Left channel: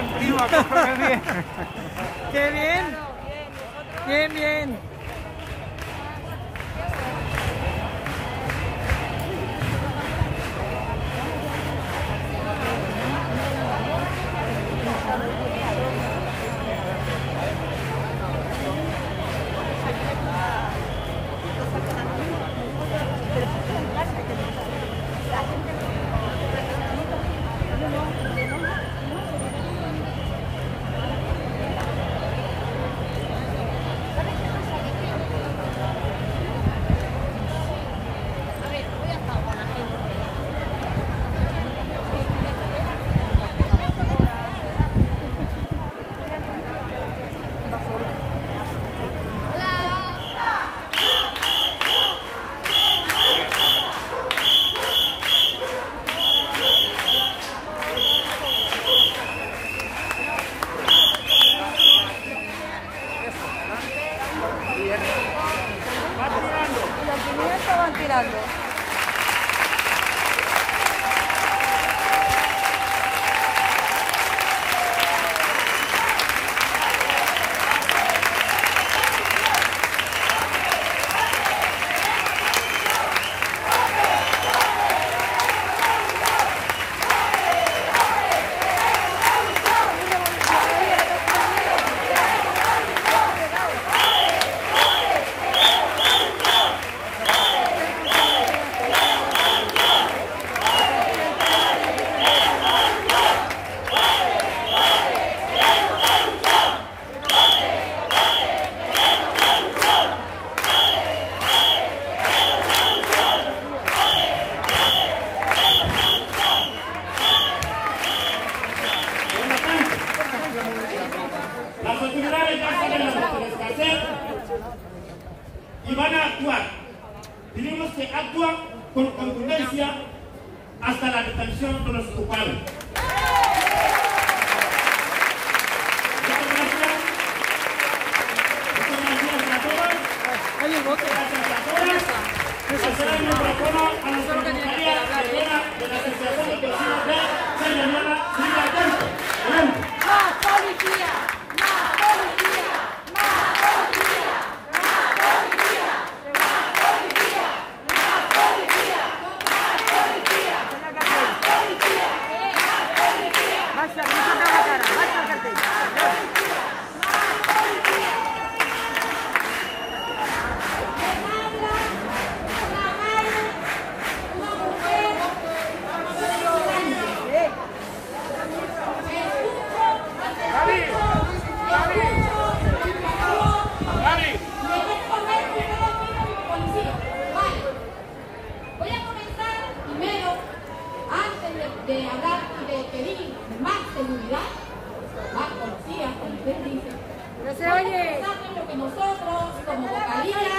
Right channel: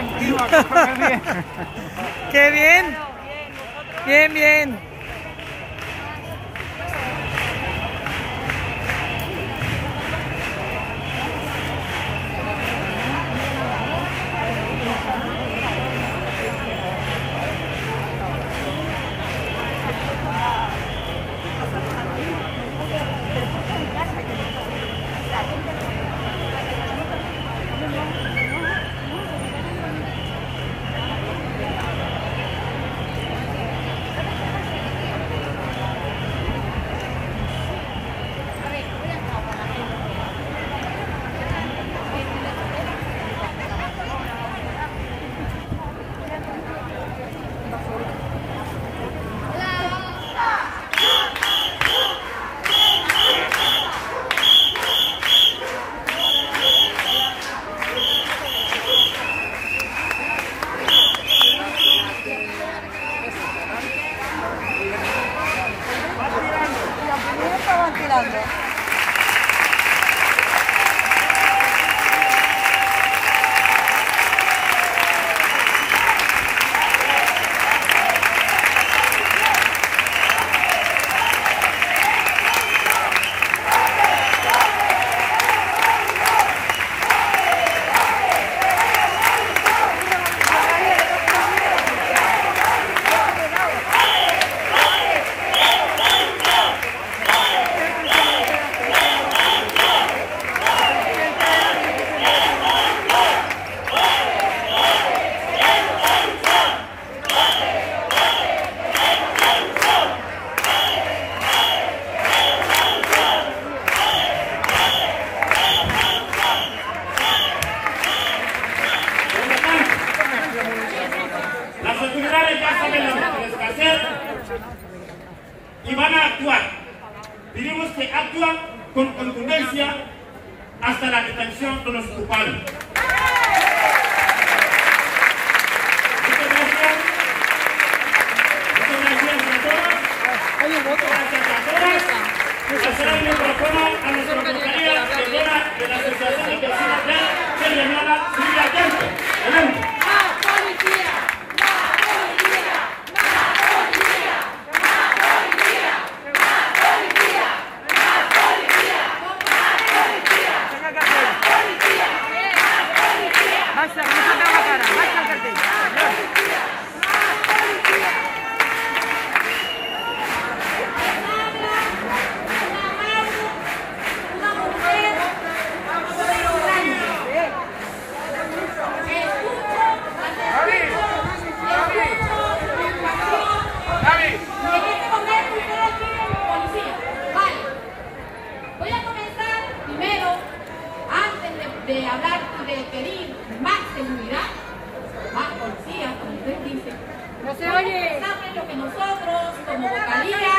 bien, prima, cógeme bien. ¡Qué bien! Claro, bien, nosotros... Bien, bien. Van tirando. Las autoridades ya saben lo que tienen que hacer y van a actuar. Pedimos que actúen con contundencia hasta la detención de los culpables. Muchas gracias. Muchas gracias a todos. Gracias a todas. Pasará el micrófono a nuestra compañera de la Asociación de Vecinos de Sierra Silvia Temple. Adelante. De hablar y de pedir más seguridad, más policía, como usted dice. No se oye. ¿Saben lo que nosotros, como vocalía,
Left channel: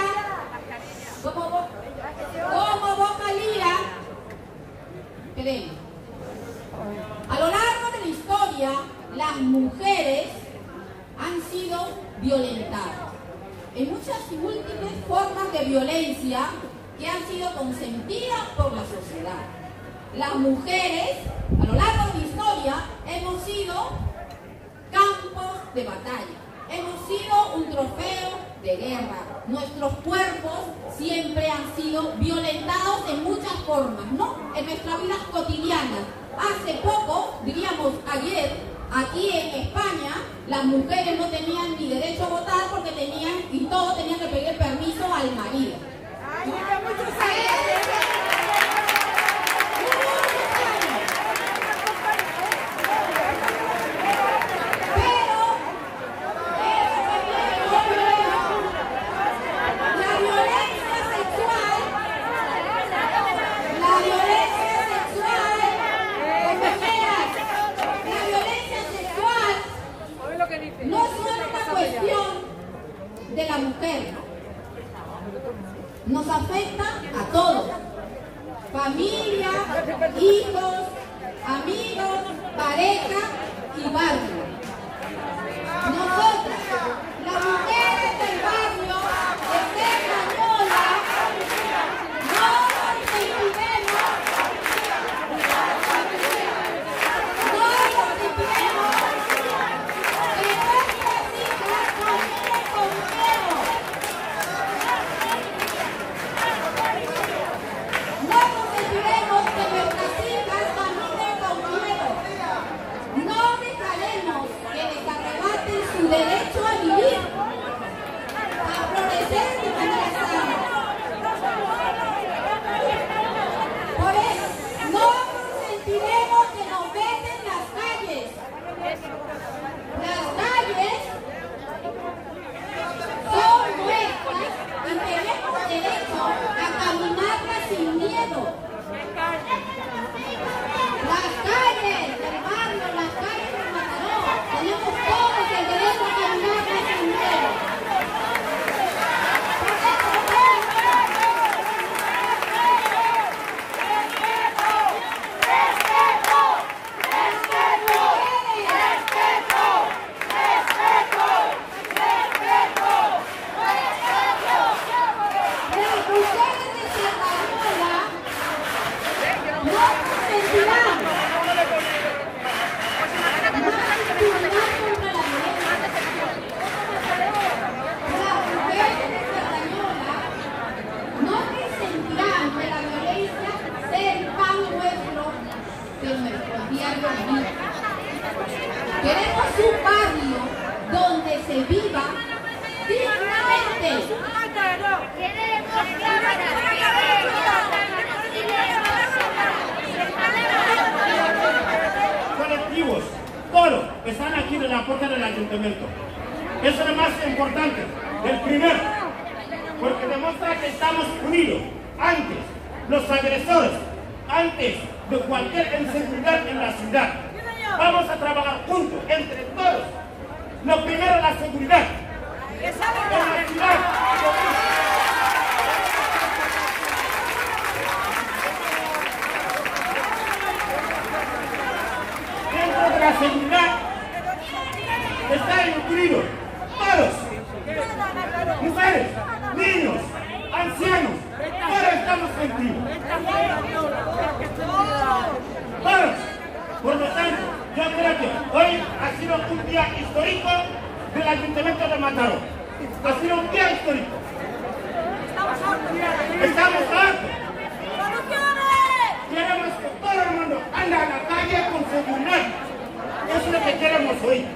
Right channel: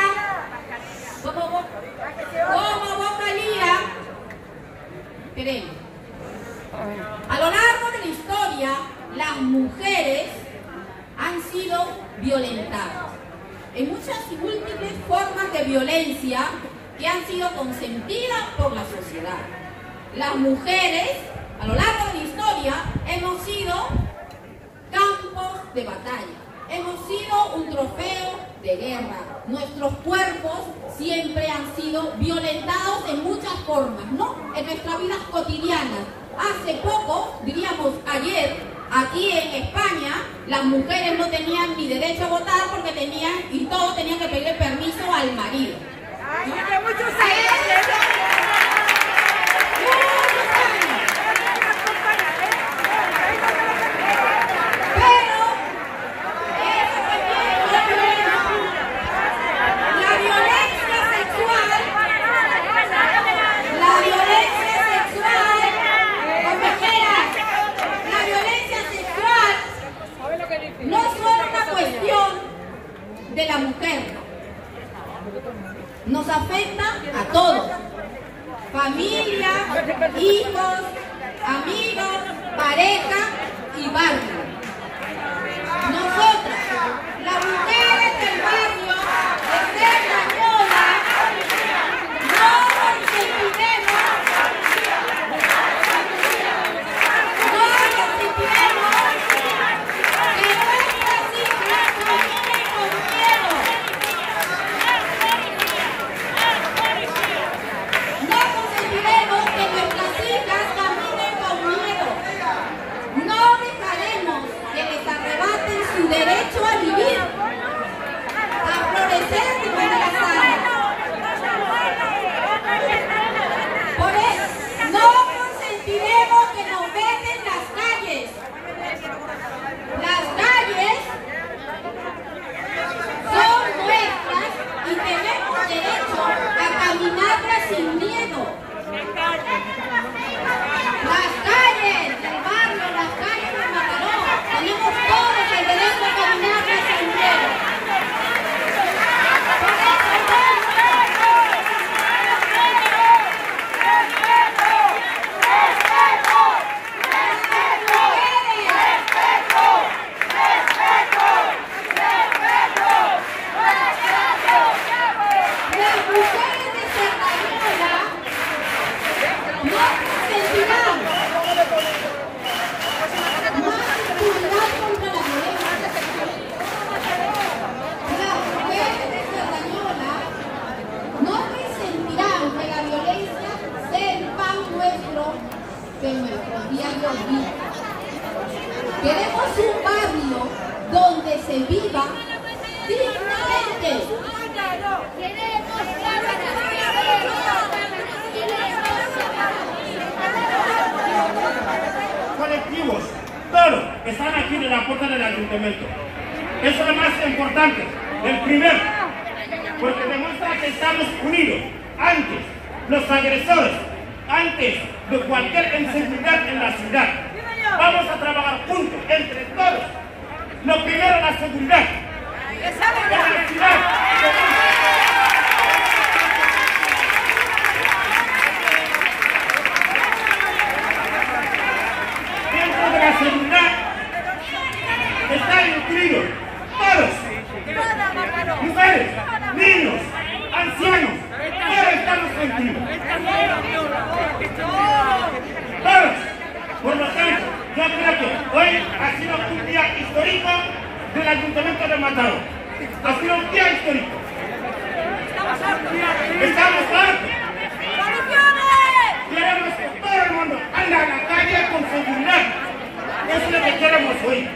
queremos? A lo largo de la historia, las mujeres han sido violentadas en muchas y múltiples formas de violencia que han sido consentidas por la sociedad. Las mujeres, a lo largo de la historia, hemos sido campos de batalla, hemos sido un trofeo de guerra. Nuestros cuerpos siempre han sido violentados en muchas formas, ¿no? En nuestras vidas cotidianas. Hace poco, diríamos ayer, aquí en España, las mujeres no tenían ni derecho a votar porque tenían que pedir permiso al marido, ¿no? No es solo una cuestión de la mujer, nos afecta a todos, familia, hijos, amigos, pareja y barrio. Nosotras, las mujeres del barrio de Cerdañola, no nos impidemos que nos venden las calles. Las calles son nuestras y tenemos derecho a caminarlas sin miedo. Las calles del barrio, las calles de Mataró, tenemos todos el derecho a caminarlas sin miedo. Queremos un barrio donde se viva dignamente. Colectivos, todos están aquí en la puerta del ayuntamiento. Eso es lo más importante, el primero, porque demuestra que estamos unidos antes los agresores, antes de cualquier inseguridad en la ciudad. Vamos a trabajar juntos, entre todos. Lo primero, la seguridad. En la ciudad. Dentro de la seguridad están incluidos todos. Mujeres, niños, ancianos, todos estamos incluidos. Todos. Por lo tanto, yo creo que hoy ha sido un día histórico del Ayuntamiento de Mataró. Ha sido un día histórico. Estamos hartos. Queremos que todo el mundo ande a la calle con seguridad. Eso es lo que queremos hoy.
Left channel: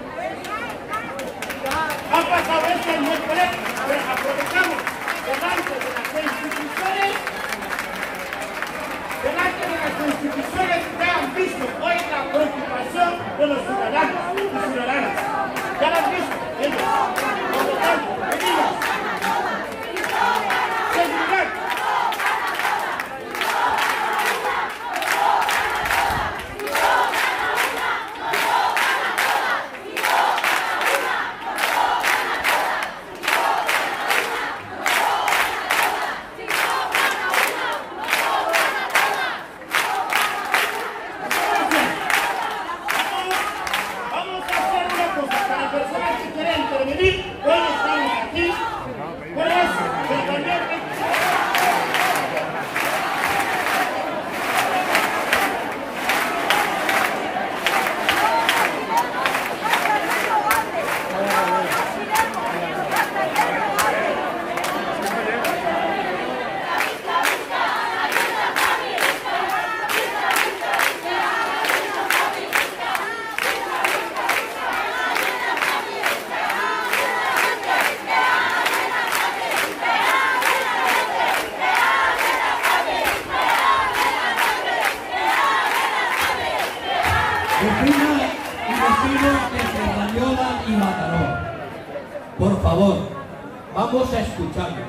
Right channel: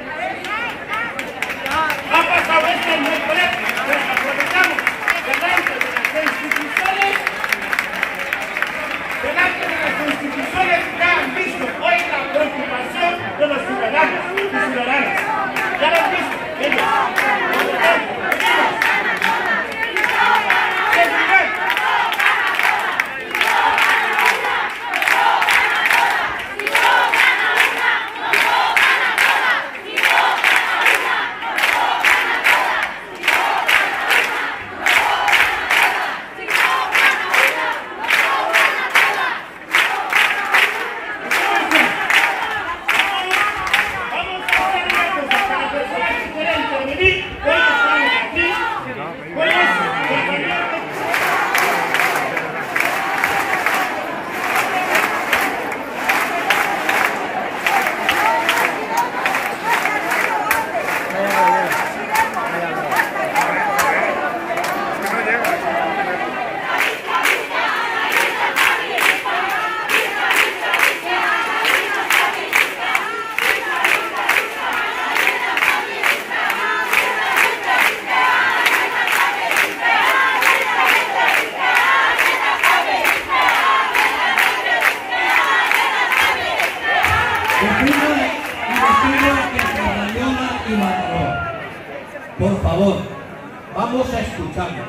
Ha pasado esto muy correcto, pero aprovechamos delante de las instituciones que han visto hoy la preocupación de los ciudadanos y ciudadanas. Ya lo han visto ellos. Por lo tanto, seguridad. Por favor, vamos a escucharnos.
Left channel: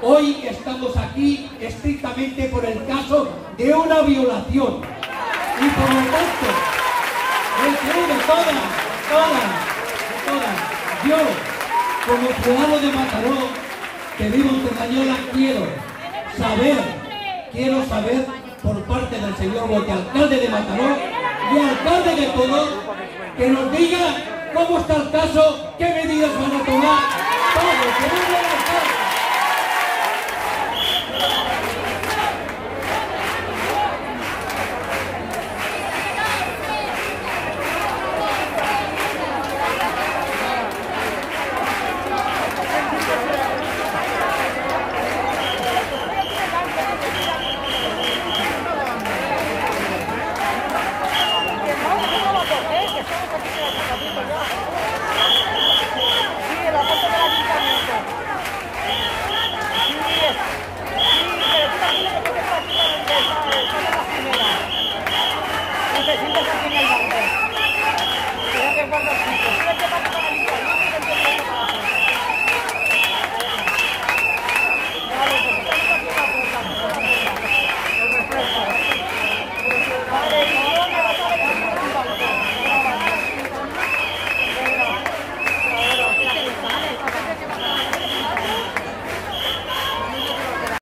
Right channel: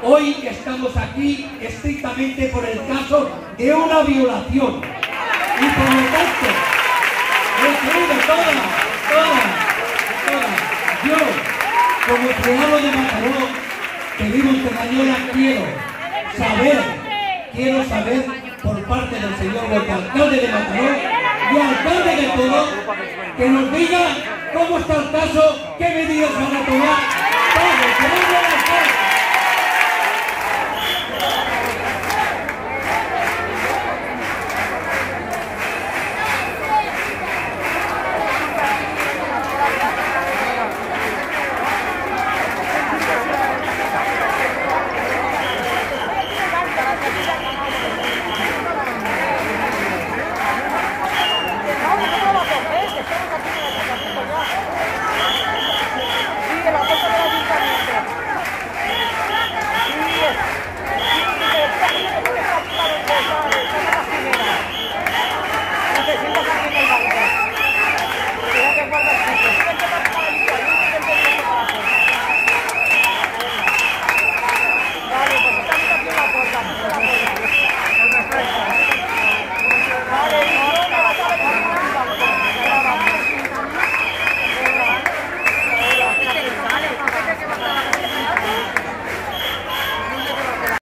Hoy estamos aquí estrictamente por el caso de una violación. Y por lo tanto, de todas. Yo, como ciudadano de Mataró, que vivo en Cerdañola, quiero saber por parte del señor alcalde de Mataró y alcalde de todo, que nos diga cómo está el caso, qué medidas van a tomar. ¡Vamos, que venga el alcalde!